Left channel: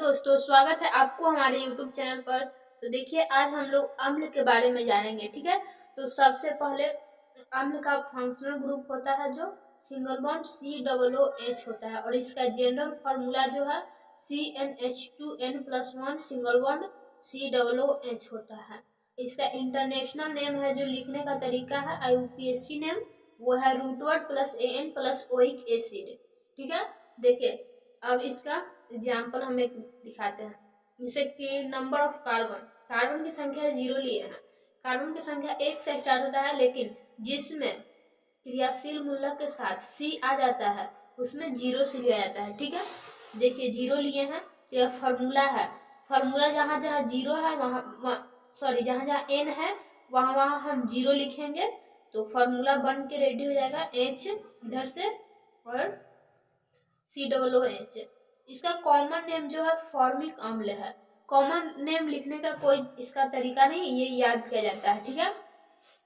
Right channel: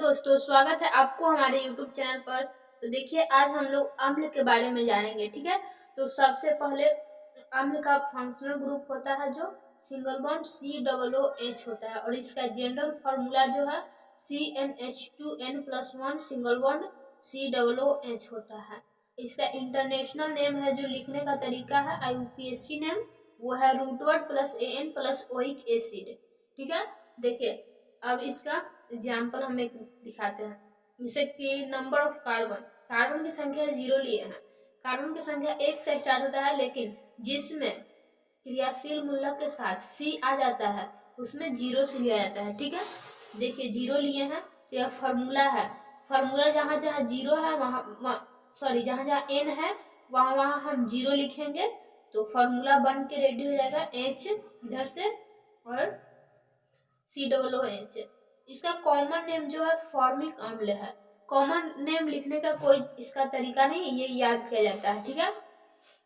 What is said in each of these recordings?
दोस्तों, स्वागत है आपको हमारे YouTube चैनल पर। तो देखिए, आज हम लोग अम्ल के बारे में जानेंगे। ठीक है, तो सबसे पहले अम्ल का फंक्शनल ग्रुप होता है जो सिंगल बॉन्ड COOH होता है, और इसका जनरल फार्मूला जो है CnH2n+1 सिंगल बॉन्ड COOH होता है। इसका इंटरनेशनल नेम है जो लिखने का तरीका है IUPAC नेम, वो है रूटवर्ड plus AN plus oic acid. ठीक है, देखिए अब इसका एग्जाम्पल हम एक दिखाते हैं। जैसे कि नंबर ऑफ कार्बन की संख्या 0 लिए हैं। कार्बन की संख्या 1 से स्टार्ट होता है, लेकिन जिसमें क्रियाशील मूलक के साथ C आ जाता है उसमें 0 से लिया जाता है। ठीक है, देखिए 0 लिए हैं, यह फार्मूला है। फार्मूला जहाँ जहाँ 0 है जहाँ जहाँ N है वहाँ वहाँ हम 0 लिखेंगे, तो फार्मूला बन के रेडी हो जाएगा H इधर से और COOH। इसका कॉमन नेम जो है फॉर्मिक अम्ल है। कॉमन नेम लिखने का कोई इसका तरीका नहीं, ये याद किया जाता है। ठीक है,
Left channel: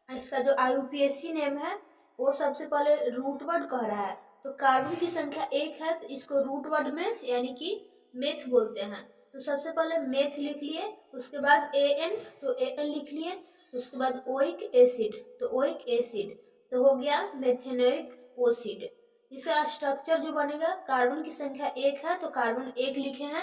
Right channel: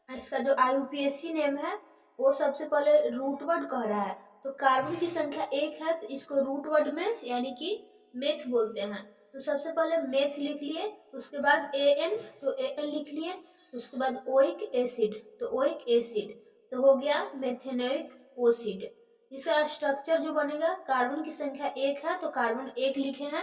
इसका जो IUPAC नेम है वो सबसे पहले रूट वर्ड कह रहा है, तो कार्बन की संख्या 1 है तो इसको रूट वर्ड में यानी कि मेथ बोलते हैं। तो सबसे पहले मेथ लिख लिए, उसके बाद AN तो AN लिख लिए, उसके बाद ओइक एसिड तो ओइक एसिड, तो हो गया मेथेनोइक एसिड। इसका स्ट्रक्चर जो बनेगा, कार्बन की संख्या 1 है तो कार्बन 1 लिखे हैं।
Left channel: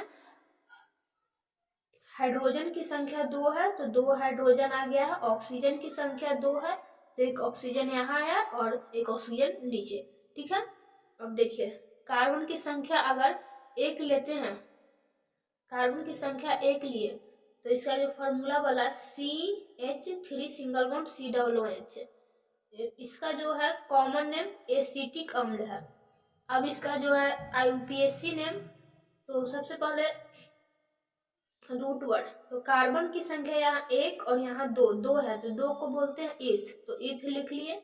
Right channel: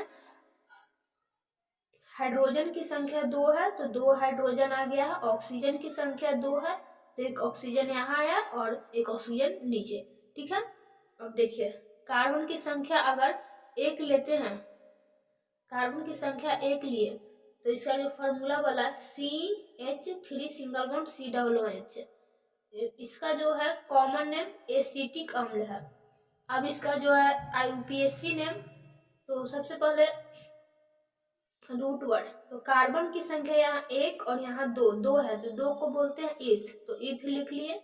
हाइड्रोजन की संख्या 2 है तो 2 हाइड्रोजन आ गया है। ऑक्सीजन की संख्या 2 है तो एक ऑक्सीजन यहाँ आया और एक ऑक्सीजन नीचे। ठीक है, अब देखिए कार्बन की संख्या अगर 1 लेते हैं, कार्बन की संख्या 1 लिए तो इसका जो फार्मूला वाला CH3 सिंगल बॉन्ड COOH, इसका जो है कॉमन नेम एसिटिक अम्ल है। अब इसका जो है IUPAC नेम, तो सबसे पहले रूट वर्ड, तो कार्बन की संख्या यहाँ 1 और यहाँ 2 है तो 2 को बोलते हैं ईथ, तो ईथ लिख लिए।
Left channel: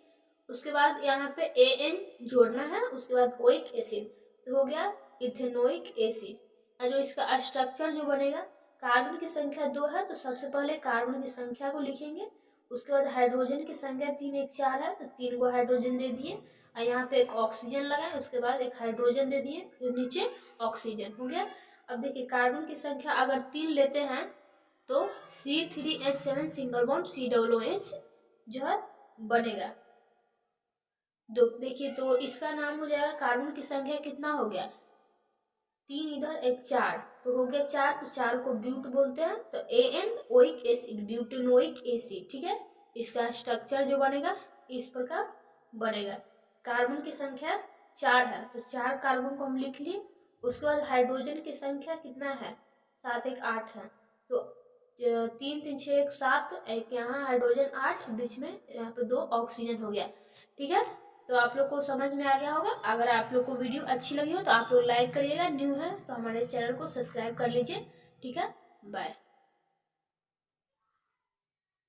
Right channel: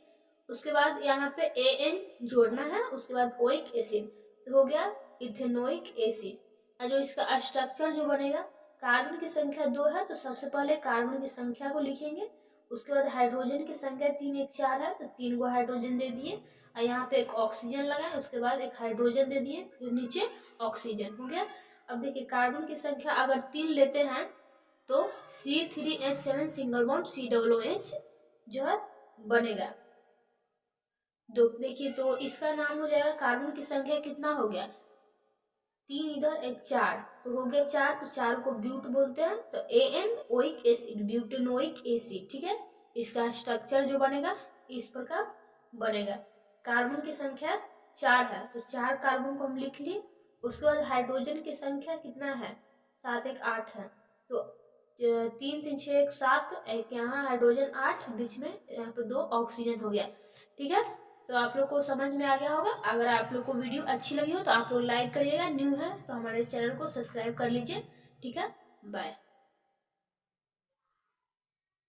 उसके बाद यहाँ पे AN जोड़ना है, उसके बाद ओइक एसिड तो हो गया इथेनोइक एसिड। और जो इसका स्ट्रक्चर जो बनेगा, कार्बन की संख्या 2 है तो सबसे पहले कार्बन की संख्या को लिखेंगे, उसके बाद हाइड्रोजन की संख्या 3 1 4 है तो 3 को हाइड्रोजन दे दिए, और यहाँ पे एक ऑक्सीजन लगाए, उसके बाद एक हाइड्रोजन दे दिए, फिर नीचे ऑक्सीजन हो गया। अब देखिए कार्बन की संख्या अगर 3 लेते हैं तो C3H7 सिंगल बॉन्ड COOH जो है बनेगा। देखिए तो इसका नाम हो जाएगा, कार्बन की संख्या कितना हो गया, 3 इधर एक 4 तो हो गया 4, तो 4 को ब्यूट बोलते हैं, तो AN oic acid butanoic acid. ठीक है, इसका स्ट्रक्चर जो बनेगा इस प्रकार बनेगा। कार्बन की संख्या 4 है तो 4 कार्बन को हम लिख लिए, उसके बाद हाइड्रोजन की संख्या कितना है, 7 1 8 है, तो 3 3 6 1 7, एक यहाँ हाइड्रोजन 8, बीच में यहाँ पे 2 ऑक्सीजन हो गया। ठीक है, तो आप लोग को समझ में आ गया होगा। अगर आप लोग को वीडियो अच्छी लगी हो तो आप लोग लाइक करिएगा, न्यू है तो हमारे चैनल को सब्सक्राइब कर लीजिए। ठीक है, बाय।